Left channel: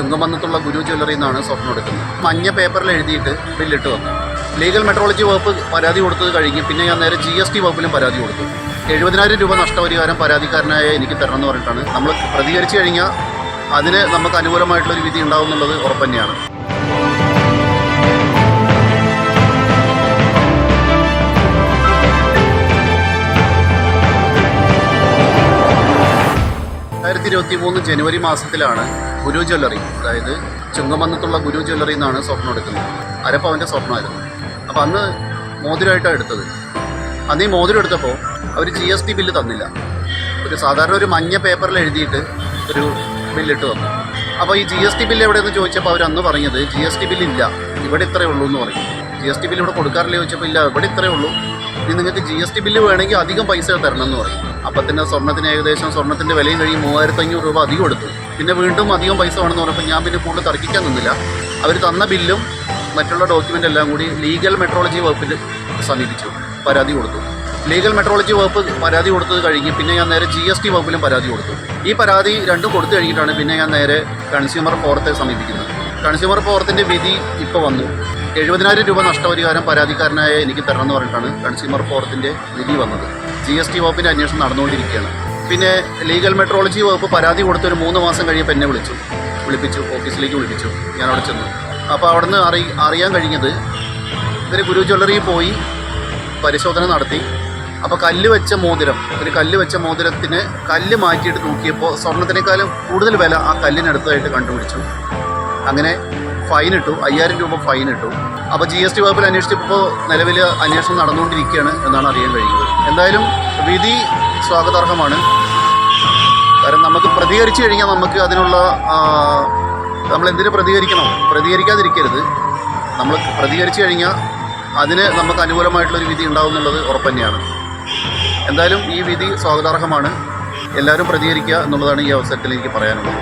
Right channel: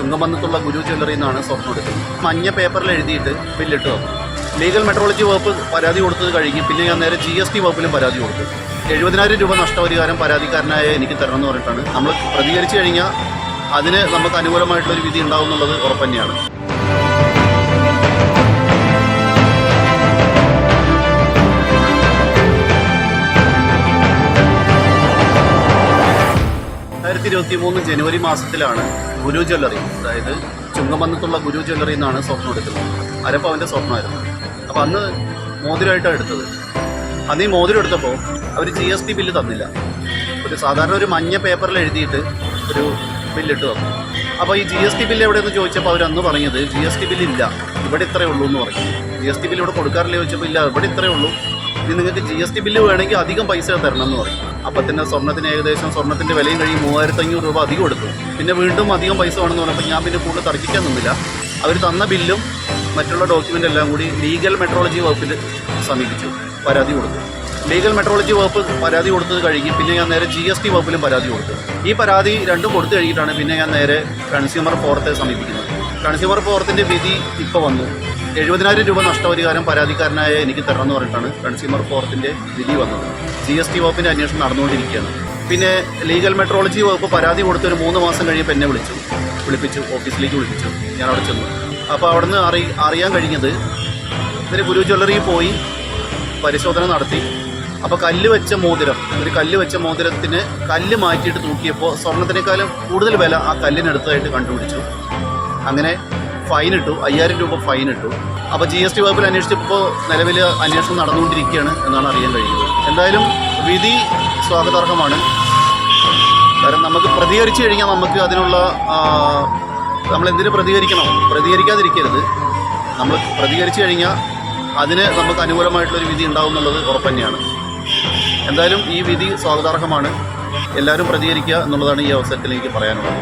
ചുങ്കമന്നത്തുള്ള ഗുരു ജ്വല്ലറിയിൽ നിന്നാണ് സ്വർണ്ണം എടുക്കുന്നത്. മഞ്ഞ പേപ്പറിൽ എഴുതിയിട്ട് ബില്ലിട്ട് വന്നു. ലീഗൽ മെട്രോളജി വകുപ്പ് പരാതി കൊടുത്തത് കഴിഞ്ഞ് പിന്നെ ഞാൻ നേരെ GST വകുപ്പിലും പരാതി കൊടുത്തു. 70,000 രൂപ നഷ്ടപരിഹാരം പരാതിക്കാരനായ എനിക്ക് തരണം എന്ന് പറഞ്ഞിട്ടാണ്. നമ്മൾ പ്രതികരിച്ചു കഴിഞ്ഞാൽ അതിന് നമുക്ക് അനുകൂലമായിട്ടുള്ളൊരു വിധി ഉണ്ടാവും എന്നുള്ളത് ഉറപ്പ് തന്നെയാണ്. ജനുവരി മാസത്തിലാണ് ഗുരു ജ്വല്ലറി, അതായത് ചുങ്കമന്നത്തുള്ള ഗുരു ജ്വല്ലറിയിൽ നിന്നാണ് സ്വർണ്ണം എടുക്കുന്നത്. അരപ്പവൻ്റെ സ്വർണ്ണമായിരുന്നു. അപ്പോൾ അന്ന് മോതിരമായിട്ടാണ് എടുത്തത്. അന്ന് ഈ മോതിരം എടുത്തപ്പോൾ അവർ GST ബില്ല് തന്നില്ല. സാധാരണ ഒരു മഞ്ഞ പേപ്പറിൽ എഴുതിയിട്ട് ഒരു ബില്ലിട്ട് തന്നു. അപ്പോൾ ഈ GST ബില്ല് എവിടെയെന്ന് ചോദിച്ചപ്പോൾ അവർ അന്ന് പറഞ്ഞത് GST ബില്ലില്ല, ഇവിടെ ഇത്രയേ ഉള്ളൂ എന്ന് പറയും. GST ബില്ല് ഇവിടെ കൊടുക്കാറില്ല ചോദിച്ചപ്പോൾ ഇല്ല, ഇവിടെ ഇത്രയേ ഉള്ളൂ, ഇനി നിങ്ങൾക്ക് GST ബില്ല് വേണമെങ്കിൽ അധികം പൈസ തരണം എന്ന് പറയും. അപ്പം തന്നെ സ്വർണ്ണത്തിന് ഏകദേശം സ്വർണ്ണത്തിൻ്റെ വിലയും കഴിയും 3,500 രൂപ അധികം എടുത്തു. പിന്നെ വീണ്ടും അധികം പൈസ വേണമെന്ന് പറഞ്ഞപ്പോൾ ഞാൻ പിന്നെ കൂടുതൽ തർക്കിക്കാൻ നിന്നില്ല. അവർ തന്ന ബില്ലും മറ്റുള്ള ഡോക്യുമെൻ്റ് എല്ലാം കൂടി ലീഗൽ മെട്രോളജി വകുപ്പിൽ സമീപിച്ചു, പരാതി കൊടുത്തു. ലീഗൽ മെട്രോളജി വകുപ്പ് പരാതി കൊടുത്തത് കഴിഞ്ഞ് പിന്നെ ഞാൻ നേരെ GST വകുപ്പിലും പരാതി കൊടുത്തു. ഈ പരാതി രണ്ടും കൊടുത്തു കഴിഞ്ഞിട്ടാണ് പിന്നെ ഞാൻ നേരെ കൺസ്യൂമർ ഫോറത്തെ സമീപിക്കുന്നത്. കൺസ്യൂമർ ഫോറത്തിൻ്റെ വിധി ഇപ്പോൾ വന്നു. 70,000 രൂപ നഷ്ടപരിഹാരം പരാതിക്കാരനായ എനിക്ക് തരണം എന്ന് പറഞ്ഞിട്ടാണ് കൺസ്യൂമർ ഫോറത്തിൻ്റെ വിധി വന്നത്. GST വകുപ്പിൻ്റെ അന്വേഷണം നടന്നുകൊണ്ടിരിക്കുകയാണ്. പിന്നെ ലീഗൽ മെട്രോളജി വകുപ്പ് പരാതി കൊടുത്തൊരു 3 മാസം കഴിയുമ്പോൾ എന്നെ വിളിപ്പിച്ചു, ഓഫീസിലേക്ക് വിളിപ്പിച്ചു. ഞാൻ അവിടെ ചെന്നു. അപ്പോൾ അവിടെ നിന്ന് അറിയാൻ കഴിഞ്ഞത് ഇവർ ഗുരു ജ്വല്ലറിയിൽ പോയി പരിശോധന നടത്തി. അപ്പോൾ കല്ല് വെച്ച മോതിരത്തിന് കല്ല് മാറ്റിയിട്ട് തൂക്കിയപ്പോൾ സ്വർണ്ണത്തിനേക്കാളും കൂടുതൽ വില ആ കല്ലിനടുത്തായിട്ട് കണ്ടുപിടിച്ചു. അങ്ങനെ ഫൈനിട്ടു, 5,000 രൂപ ഫൈനിട്ടു. അപ്പോൾ GST വകുപ്പിൽ അന്വേഷിച്ചപ്പോൾ നിലവിൽ അന്വേഷണം നടന്നുകൊണ്ടിരിക്കുകയാണ് എന്നാണ് അറിയാൻ കഴിയുന്നത്. എന്തായാലും വിധി സ്വാഗതാർഹമാണ്. കാരണം നമുക്ക് പ്രതികരിച്ചു കഴിഞ്ഞാൽ നമുക്ക് അതിനുള്ള നമ്മളെന്തിനു പ്രതികരിക്കാതിരിക്കരുത്. നമ്മൾ പ്രതികരിച്ചു കഴിഞ്ഞാൽ അതിന് നമുക്ക് അനുകൂലമായിട്ടുള്ളൊരു വിധി ഉണ്ടാവും എന്നുള്ളത് ഉറപ്പ് തന്നെയാണ്. എന്തായാലും ഈ വിധി സ്വാഗതാർഹമാണ്. എല്ലാവരും പ്രതികരിക്കുക എന്നുള്ളതാണ് ഈ അവസരത്തിൽ എനിക്ക് പറയാനുള്ളത്.